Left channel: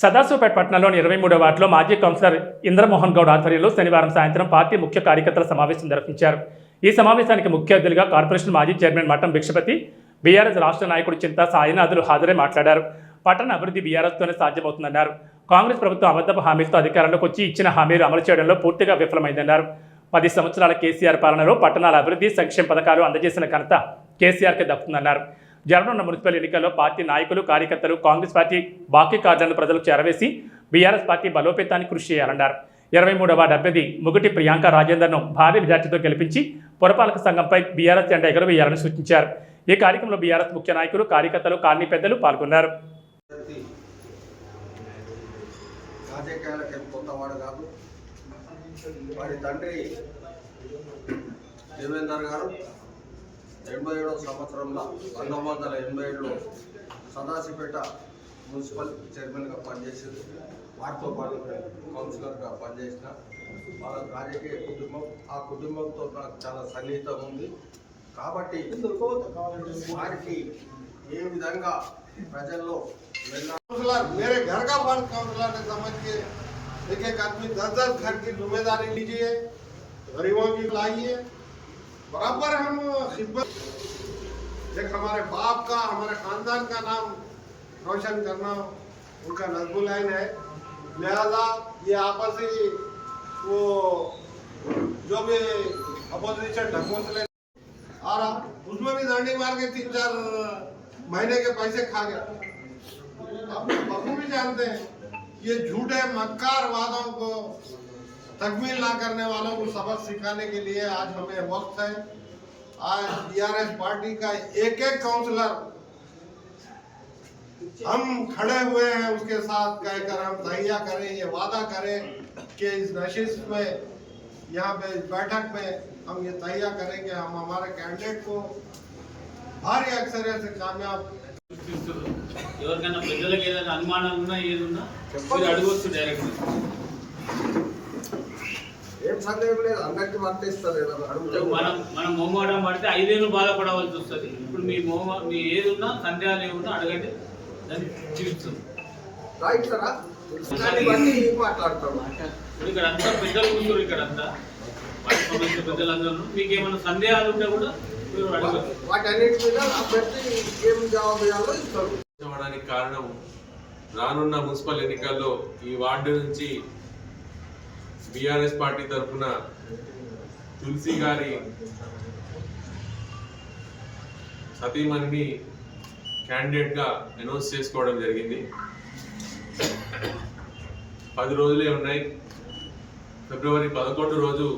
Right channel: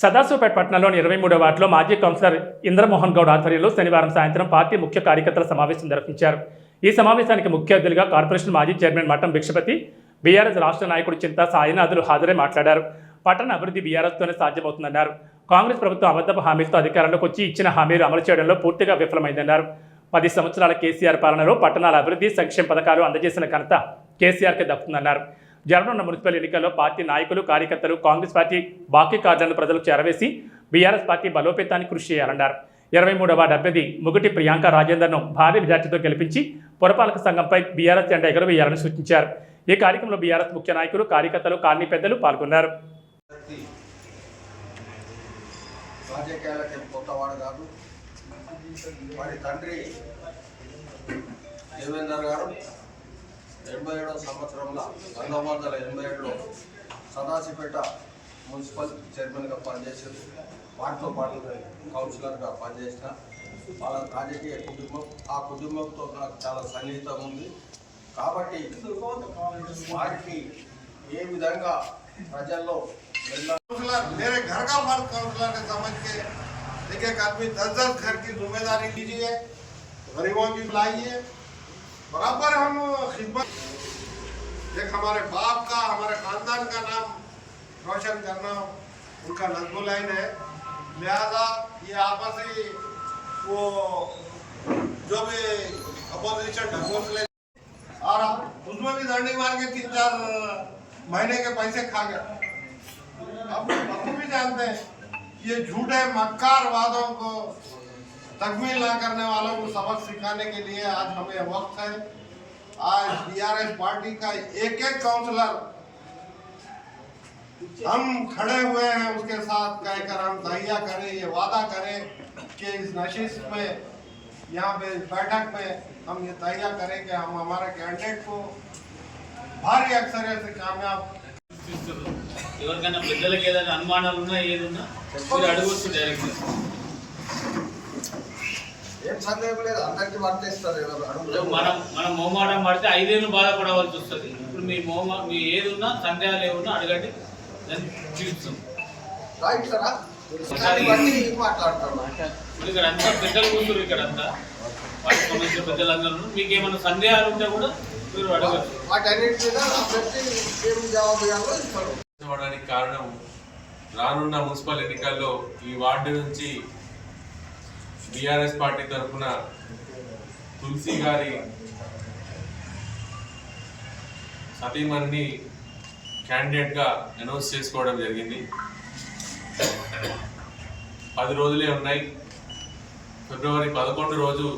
సదాశివపేట పట్టణంలోని ఇరవై మూడో వార్డులో మాజీ కౌన్సిలర్ ఇంద్రమోహన్ గౌడ్ ఆధ్వర్యంలో శనివారం సాయంత్రం పార్టీ ముఖ్య కార్యకర్తల సమావేశం నిర్వహించారు. ఈ సమావేశానికి ముఖ్య అతిథులుగా కార్పొరేషన్ మాజీ చైర్మన్ మఠం భిక్షపతి బీఆర్ఎస్ రాష్ట్ర నాయకుడు చింత సాయినాథులు హాజరై మాట్లాడారు. పట్టణ అభివృద్ధి బీఆర్ఎస్తోనే సాధ్యమవుతుందన్నారు. కాంగ్రెస్ ప్రభుత్వం అబద్ధపు హామీలతో అధికారంలోకి వచ్చి ఇచ్చిన హామీలు అమలు చేయడంలో పూర్తిగా విఫలమైందన్నారు. పది సంవత్సరాల కేసీఆర్ పాలనలో పట్టణాల అభివృద్ధి సంక్షేమ పథకాలు అందజేసిన ఘనత కేసీఆర్కే దక్కుతుందన్నారు. జరగనున్న మున్సిపల్ ఎన్నికల్లో పార్టీ నాయకులు కార్యకర్తలు కాంగ్రెస్ పార్టీ బాకీ కార్డులను ప్రజలకు చేరవేసి బీఆర్ఎస్ పార్టీ బలోపేతానికి కృషి చేయాలన్నారు. ఇరవై మూడవ డెబ్బది ముగటి ప్రియాంక రాజేందర్ను భారీ మెజార్టీతో గెలిపించి పురపాలక సంఘంపై బీఆర్ఎస్ జెండా ఎగరవేయాలని సూచించారు. ఈ కార్యక్రమంలో బీఆర్ఎస్ ముఖ్య నాయకులు కార్యకర్తలు కాలనీ పెద్దలు పాల్గొన్నారు. తండ్రి దేవేందర్ గారు ఎనభై ఏడవ సంవత్సరంలో పంతొమ్మిది వందల ఎనభై ఏడులో సదాశివపేట మున్సిపల్ చైర్మన్గా పనిచేసింది వాటితో పాటు కౌన్సిలర్గా పనిచేసిన వాళ్ళ రాజకీయ కుటుంబం ఆ కుటుంబంతో నాకు చాలా సన్నిహితం ఉంది కాబట్టి వారికి ఏ విధంగా ప్రజల్లో వెళ్ళాలి काउंसलर मेरे घर का फर्ज काउंसलर है समझ के एक एक आदमी दस दस घर की जिम्मेदारी लीजिए गरीबों की लाइए बराबर हम खिदमत एक हमारे बाप का, हमारे खानदान का नाम रोशन करना उनका नजबुलैन है। लिहाजा ये आपसी वो जो भी अपोजिशन ढकोसले आ रहा उसमें भी दांडी मार के तीन चार महीने के पैसे खा गया आप बापू भी जानते हैं, ये झूठे मक्कार वादों को तकमील ना करने वालों को सबक सिखाने के लिए आज हमें वक्त है आज बीआरएस पार्टी का एक एक काउंसलर हम खड़े हुए हैं उसके साथ कहकर हम तहिया करें ये वादा करें कि इस नशिश में यहाँ पे इस बैठक में हम ये तहिया करें कि हम हमारे कैंडिडेट को भारी अक्सरियत से कामयाब చూస్తున్నారు. ఎవరికైనా పెద్దలకి ఏదైనా అనుమానాలు ఉన్నా ఏది ఉన్నా మీరు అడగవచ్చు డైరెక్ట్ ఏం సందేహం లేదు అందరికీ వర్తిస్తారు మనం మనం మోమాటం పడితే ఐదేళ్ళు బాధపడవలసి వస్తుంది. ఇప్పుడు మీ మోమా మీ ఏది ఉన్నా సందేహాలు ఏమున్నా అడగండి దాన్ని మాట్లాడతాం ఇప్పుడు ఇక్కడ అంతా పెద్దలు కూర్చున్నారు ఇక్కడ అంతా. వాటికి సంబంధించిన పెద్దలందరూ. మీకు ఏమైనా సందేహాలు ఉంటే కూడా మీరు అడగచ్చు. అవడానికి కారణం రానున్న మున్సిపల్ ఎన్నికల్లో ఈ వార్డు నుంచి బీఆర్ఎస్ పార్టీ తరఫున తులసి గారి సతీమణిని క్యాండిడేట్గా అనౌన్స్ చేసుకోవడం జరిగింది. పది రోజులే ఉన్నాయి. ఫిబ్రవరి పదకొండు రోజు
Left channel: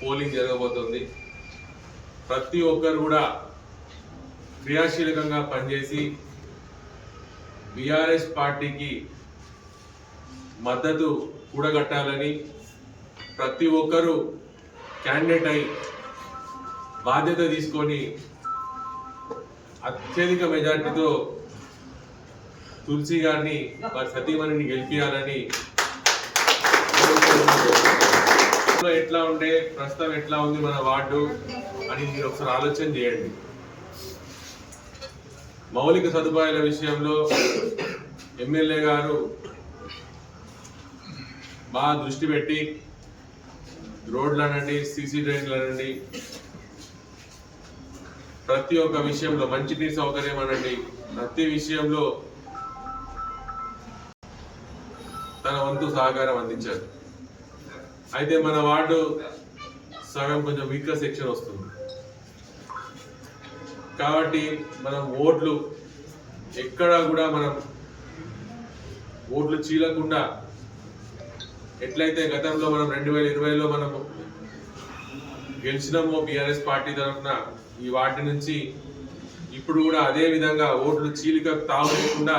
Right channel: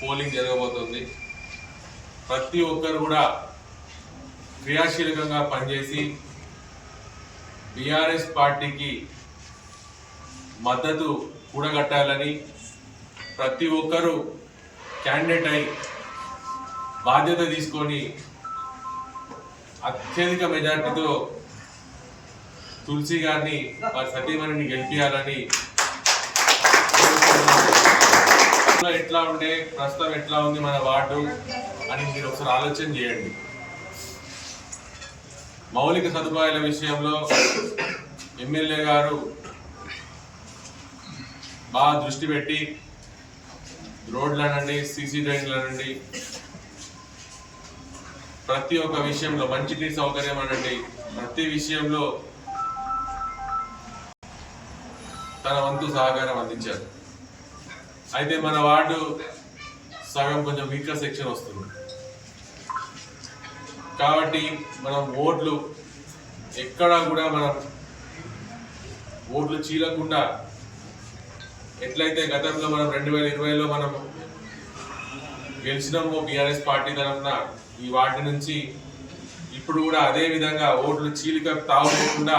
పోలింగ్ జరగబోతోంది. ప్రతి ఒక్కరు కూడా క్రియాశీలకంగా పనిచేసి బీఆర్ఎస్ పార్టీకి మద్దతు కూడగట్టాలని ప్రతి ఒక్కరూ క్యాండిడేట్ అయి బాధ్యత తీసుకొని అత్యధిక మెజార్టీతో తులసి గారిని వారి సతీమణిని గెలిపించాలని ఎట్లా ఉండే ప్రస్తుతం ఎట్లా ఉంది మన వార్డు అని మీరు ఒకసారి ఆలోచన చేయండి. మౌలిక సదుపాయాల విషయంలో ఎమ్మెల్యే గారు బాగా దృష్టి పెట్టి రోడ్లు అనండి సీసీ డ్రైన్లు అనండి. ప్రతి ఒక్క విషయంలో మంచినీటి సౌకర్యం అనండి. ప్రతి విషయంలో తన వంతు సహకారం అందించారు. అయితే మన వార్డు సగం కొంచెం వీకర్ సెక్షన్ వస్తుంది. కాబట్టి మనం ఓట్లు ఎక్కడా కూడా మనం ఓట్లు చీలకుండా ఎట్లయితే గతంలో మనం రెండు వేల ఇరవైలో మనం గెలిచినామో బీఆర్ఎస్ పార్టీ తరఫున ఈ వార్డు నుంచి ఇప్పుడు కూడా అదే విధంగా ఓట్లు చీలిక తావు లేకుండా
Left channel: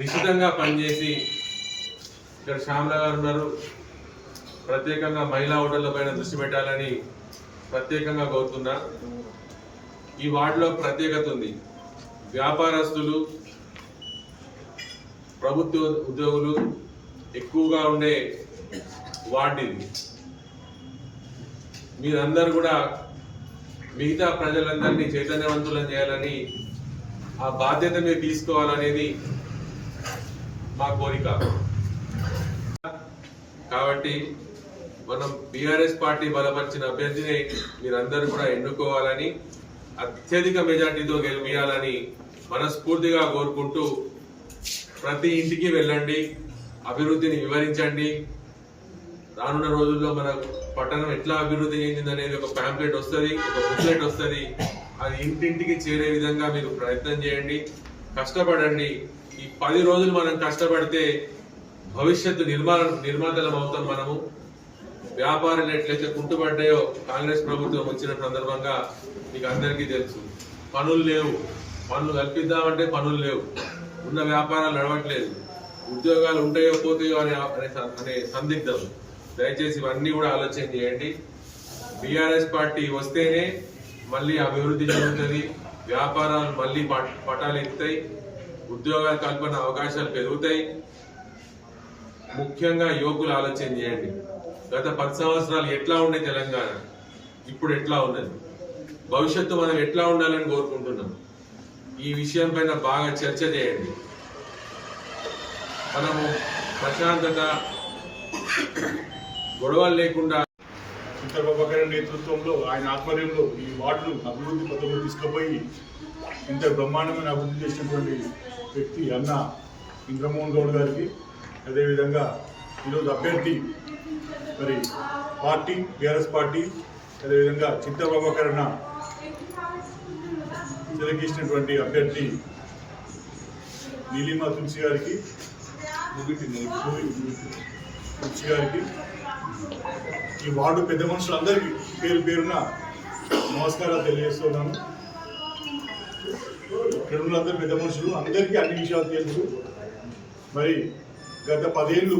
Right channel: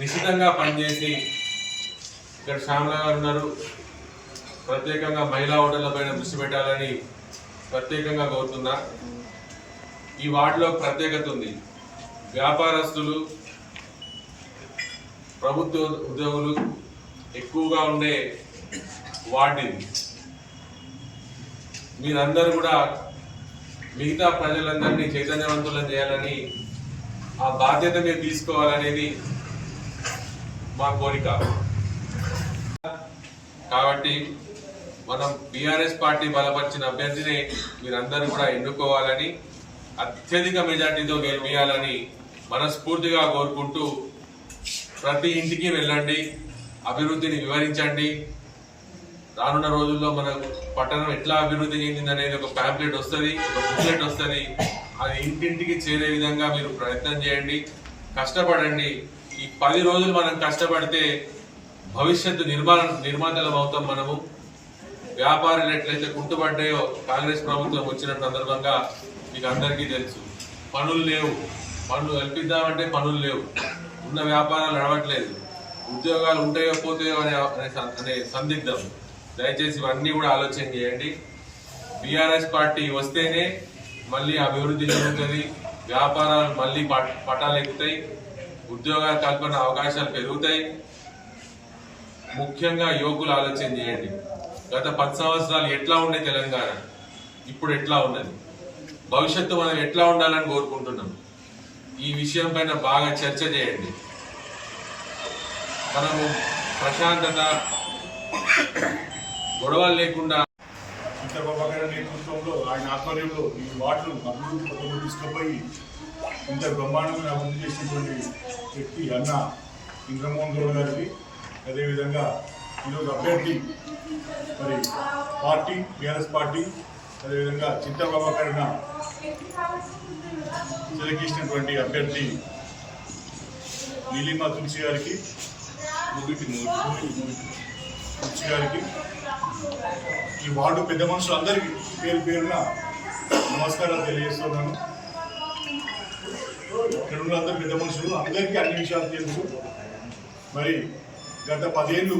నిశ్చితంగా పనిచేసి ఇక్కడ శ్యామల గారు ఉన్నారు. ప్రత్యేకంగా మహిళా ఓటర్ల పైన దృష్టి పెట్టాలని ప్రత్యేకంగా కోరుతున్నా. ఈ వార్డులో ప్రత్యేకత ఉంది. వ్యాపారస్తులు ప్రభుత్వ ఉద్యోగులు ఎక్కువగా ఉండే వార్డు ఇది మీరందరూ కూడా మిగతా ప్రజలందరినీ చైతన్యవంతులను చేయాలని ఆ బాధ్యత మీరు తీసుకోవాలనేది మా కోరిక. కాబట్టి మనం బీఆర్ఎస్ పార్టీ బలపరిచిన అభ్యర్థిని మీరందరూ కూడా ఎన్నుకోవాలని అత్యధిక మెజార్టీతో గెలిపించాలని మనస్ఫూర్తిగా కోరుకుంటూ ప్రతి ఇంటికి వెళ్ళండి. అభివృద్ధిని వివరించండి. రానున్న రోజుల్లో మన పట్టణం ఎట్లా అభివృద్ధి చెందింది అనేది ఒక ప్యాంప్లెట్ వస్తుంది ఒక బుక్లెట్ వస్తుంది. అది ఇంటింటికి చేరే విధంగా మీరు ప్రయత్నం చేయండి. కష్టపడండి. ఈ పది రోజులు మనం కష్టపడితే భవిష్యత్తు నిర్మాణ నిర్మాతలం అవుతాం మనము. వ్యాపారాలు ఎట్లయితే కుంటుపడ్డాయో కాంగ్రెస్ ప్రభుత్వం వచ్చిన సందర్భంగా మీకు అందరికీ తెలుసు. పనులు లేవు. పనులు కల్పిద్దామంటే పనులు లేవు. ఉన్న వ్యాపారాలు నడవట్లేదు. ఉద్యోగాలు ఉంటాయో పోతాయో అనే అనే అనే సందిగ్ధం. దయచేసి ఇవన్నీ కూడా ఆలోచన చేయండి. బీఆర్ఎస్ పార్టీ వస్తేనే మళ్ళీ అభివృద్ధి జరుగుతుంది. వ్యాపారాలు మళ్ళీ పటాలు ఎక్కుతాయి. ఉద్యోగాల కల్పన అవకాశాలు పెరుగుతాయి. ముఖ్యంగా యువకులు ఆలోచన చేయండి. గత పది సంవత్సరాలు ఎట్లా ఉండే తెలంగాణ? ఇప్పుడు ఎట్లా ఉన్నది? భవిష్యత్తు మనం ఎట్లా ఉండాలని కోరుకుంటున్నాం? ఈ విషయం పైన బాగా చర్చ చేయండి. మనము ప్రశాంతత గొడవలు లేకుండా చంద్రబాబు నేతృత్వంలో ఆయన ఆధ్వర్యంలో ఈ వార్డును అభివృద్ధి పథకంలో తీసుకుపోయి ఇంత బ్రహ్మాండమైన అభివృద్ధి చేసినటువంటి వ్యక్తి అన్న ఇంద్రమోహన్ గౌడ్ గారికి అదేవిధంగా ఈరోజు అభ్యర్థి మరి పార్టీ బీఆర్ఎస్ పార్టీ అదేవిధంగా చింతబాబా గారిన సెలెక్ట్ అభ్యర్థి నీలిమా తులసి గారికి ముగిటి ముగిటి ముగిటి గారికి ఈ వార్డు పెద్ద మనుషులందరికీ పేరు పేరున నమస్కారాలు తెలియజేస్తున్నాను. ఇక్కడ ఉన్న అందరు పెద్ద మనుషులు అందరికీ అన్ని విషయాలు తెలుసు. మరి గత పదేళ్ళు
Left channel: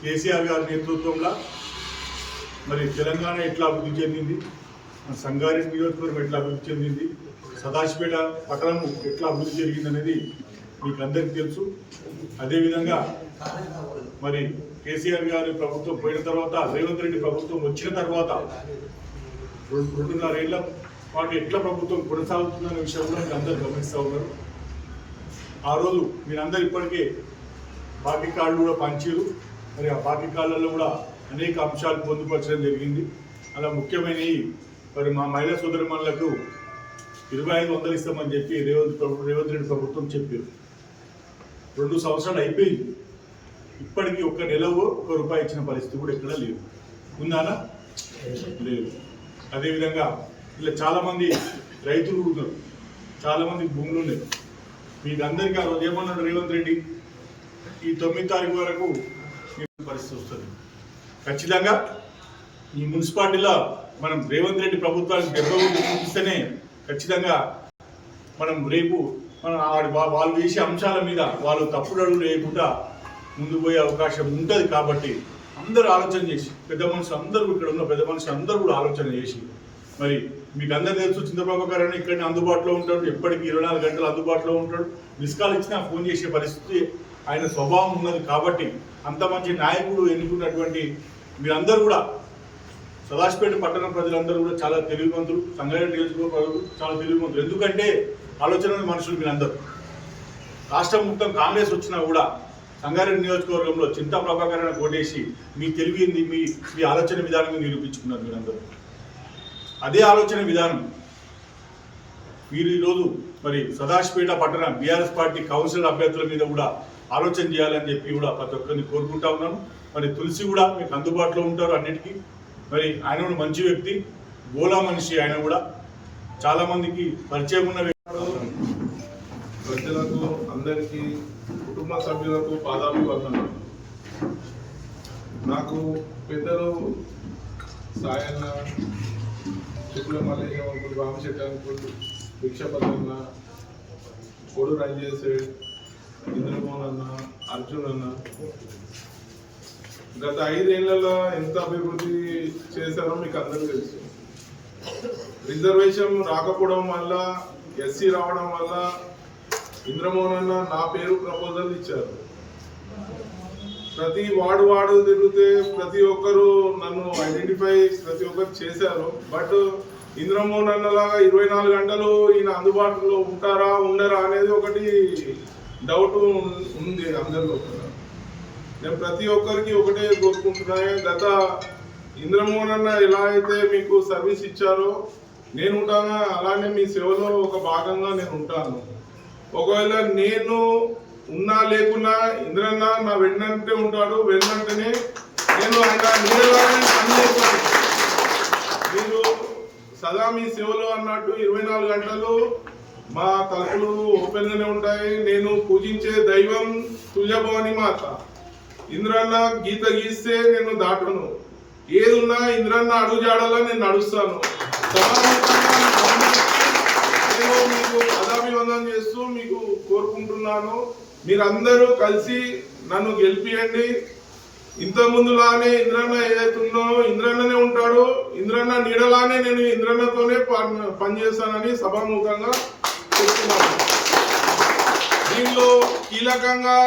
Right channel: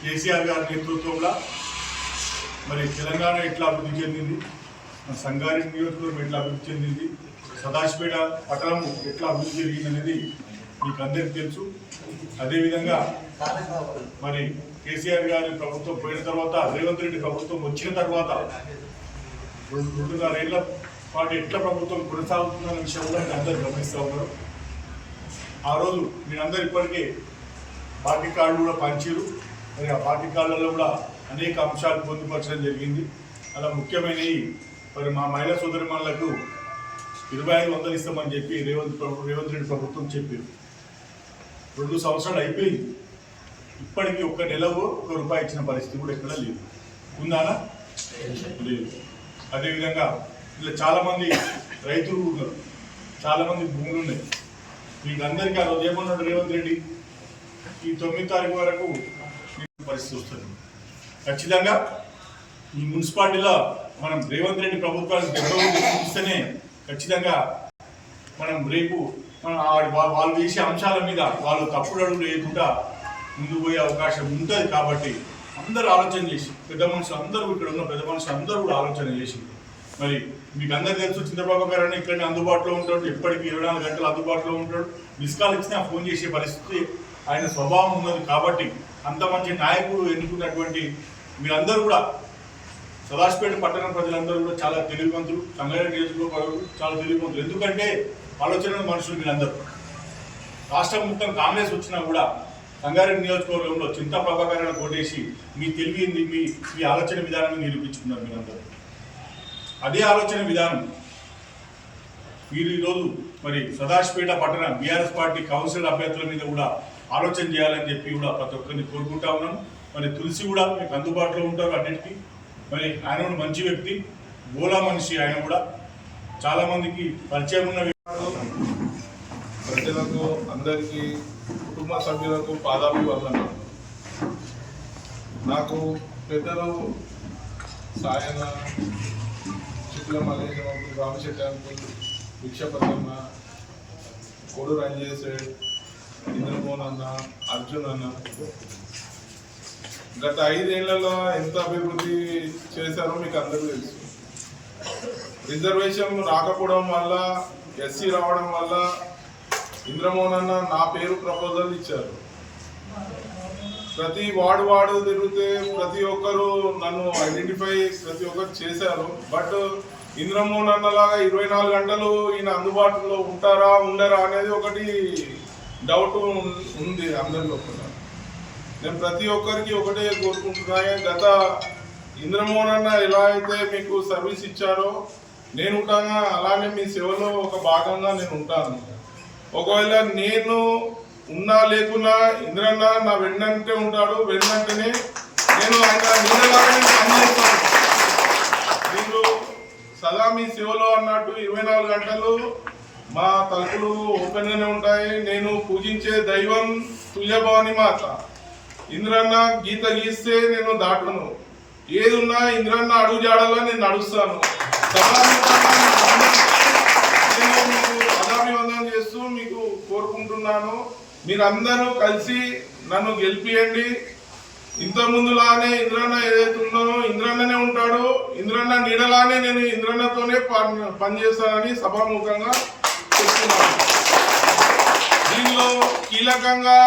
కేసీఆర్ గారి నేతృత్వంలో మరి తెలంగాణ ఎట్లా అభివృద్ధి చెందింది? మన సంగారెడ్డి నియోజకవర్గం ఎట్లా అభివృద్ధి చెందింది? సదాశిపేట పట్టణము ఎట్లా అభివృద్ధి జరిగింది అనేది మీకు అందరికీ తెలుసు. అదేవిధంగా మరి కేసీఆర్ గారి ప్రభుత్వం పోయిన తర్వాత రేవంత్ రెడ్డి ప్రభుత్వం వచ్చిన తర్వాత రెండు రెండున్నరేళ్ళ పాటు ఎట్లా ప్రభుత్వం కొనసాగుతుందనే విషయం కూడా మీరు అందరు గమనిస్తూ ఉన్నారు. ఆ రోజు మీరందరూ ఇప్పటికే పార్టీ కార్డులు కూడా పంచారు మరి ఆ పార్టీ కార్డులలో కూడా అనేక అంశాలు పొందుపరచడం జరిగింది. అలా ముఖ్యమైనవి మరి మా మహిళా సోదరిమణులకు ఇరవై ఐదు వందలు ఇస్తామని చెప్పి రేవంత్ ప్రభు రేవంత్ రెడ్డి ప్రభుత్వం చెప్పారు రెండు సంవత్సరాలు అయిపోయింది. ఇప్పటికీ ఒక్క నెలవు ఒక రూపాయి ఇచ్చిన పరిస్థితి కూడా ఎక్కడ లేదు. ఉందానా? లేదు. అదేవిధంగా ఇలా చాలామంది రైతులు ఉన్నారు. చాలామంది భూములు ఉన్నాయి. మీకు అందరికీ ఆ రోజు ఏమన్నాడు రేవంత్ రెడ్డి? ఈ తొమ్మిది తారీఖు వరకు పరిస్థితి వస్తుంది. ఖచ్చితంగా ఈ మున్సిపాలిటీలో మనం రేవంత్ రెడ్డి ప్రభుత్వానికి దెబ్బ చూపిస్తేనే ఖచ్చితంగా మనం రేపు వాళ్ళు చేసే అంశాల మీద వాళ్ళు తప్పుడు అడుగులు వేయకుండా ముందు పోయే అవకాశం ఉంటుంది కాబట్టి అందరూ ఆలోచన చేసి పెద్ద మనుషులు అందరూ ఇక్కడ ఉన్న పెద్ద మనుషులు అందరూ కూడా ఆలోచన చేసి మరి మీకు అందరు తెలుసు చంద్రబాబు గారు అని ఇక్కడ అందుబాటులో ఉంటాడు ఎప్పటికీ ఇరవై నాలుగు గంటలు అందుబాటులో ఉంటాడు. మిస్ కాల్ ఇచ్చినా ఫోన్ చేసే పరిస్థితి ఆయన స్వభావం ఉన్నది కాబట్టి అంత మంచి నాయకుడు ఎన్నుకున్నటువంటి మీరందరూ కూడా సదాశిపేట పట్టణ ప్రజలందరూ కూడా చాలా తెలివివంతులు సంగారెడ్డి నియోజకవర్గం చాలా తెలివివంతులు. ఎందుకంటే ఆలోచనలు మనుషులు మీరందరూ. రాష్ట్రం మొత్తం కాంగ్రెస్ వచ్చినా కూడా సంగారెడ్డి నియోజకవర్గంలో చింతా ప్రభాకరణ కోటేసి మీ తెలివింది మీ మీ ఆలోచన విధానం నిరూపించుకున్నారు మీరందరూ. అదే ఆలోచన విధానం మీరు ఈరోజు మరి సదాశిపేట పట్టణ బీఆర్ఎస్ పార్టీ కౌన్సిలర్ అభ్యర్థుల మీద కూడా ఆలోచన చేయాలని చెప్పి కూడా ప్రతి ఒక్కరిని కోరుకుంటా ఉన్నాను మరి తులసి కూడా మీకు అందుబాటులో ఉంటారు అన్నిటికీ. మరి ఆయన కూడా మంచి వ్యక్తి గోలా మనిషి ఆయన కూడా. చాలామందికి పరిచయం ఉన్న వ్యక్తి. ప్రజలకు అందరికీ కుటుంబ సభ్యులకు పాదాభివందనం నాకు పెద్దలు సాయన్న శుక్ల మల్లేశం అంకుల్ రామశెట్టి అంకుల్ భిక్షపతన్న కొడు రంజేశ్వర్ ఇంద్రమోహన్ అన్న అర్జున్ అన్న. గత ఐదేళ్ళలో ఎంత అభివృద్ధి చేశారో మీకు అందరూ తెలుసు. రిజర్వేషన్ రాకపోవడం వల్ల ఎస్సీ రావడం వల్ల ఇంద్రమోహన్ అన్న నా పేరు ప్రపోజల్ ఇచ్చారు. ప్రతి వార్డు వార్డు తిరిగితే ప్రతి ఒక్కరు నన్ను ఐడెంటిఫై ప్రతి ఒక్కరు చేశారు. బట్ ఇంద్రమోహన్ అన్న లాగా ఇరవై నాలుగు గంటలు ఈయన అందుబాటులో ఉంటారా ఉండరా అనేది ఒకటి డౌట్ ఉంది అందరిలో కూడా. నేను ప్రతి ఒక్కరికి ఒకటే కోరుకుంటున్నా. గత ఇంద్రమోహన్ అన్న ఎలా అయితే మీకు సర్వీస్ ఇచ్చారో నేను ఉంటానా అలానే మీ సేవలో ఒక భాగంగా నేను ఉంటాను ఒకవేళ నేను ఉన్నా లేకున్నా ఇంద్రన్న నా వెన్నంటే ఉంటాడు. వెన్నంటేనే నేను ఆయన పనిచేస్తాను మీరు సదా మీ సేవలో అన్నట్టు ఇరవై నాలుగు గంటలు మా తలుపులు ఓపెన్గానే ఉంటాయి. నేను పూజించే దైవం తుల్యభవాని మాత. ఇంద్రన్న గీత గీస్తే నేను దాటను. ఏది ఉన్నా ఇంద్రన్న అడుగు జాడలా నేను నడుస్తాను. సమాజం కోరుకుంటున్నాను. మీరందరూ కలిసి నన్ను గెలిపియండి. ఇంత ముందులానే ఇంద్రన్న ఏదైతే ఉందో ఇంద్రన్ననే ఉంటాడు. ఇంద్రన్న నీడలానే నేను ఇంద్రన్నతోనే పని పనిచేస్తానని సభాముఖంగా చెప్తున్నాను. దీనిలో కీలకంగా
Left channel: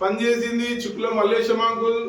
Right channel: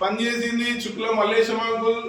పనిచేసింది చుక్ల మల్లేశం అంకుల్.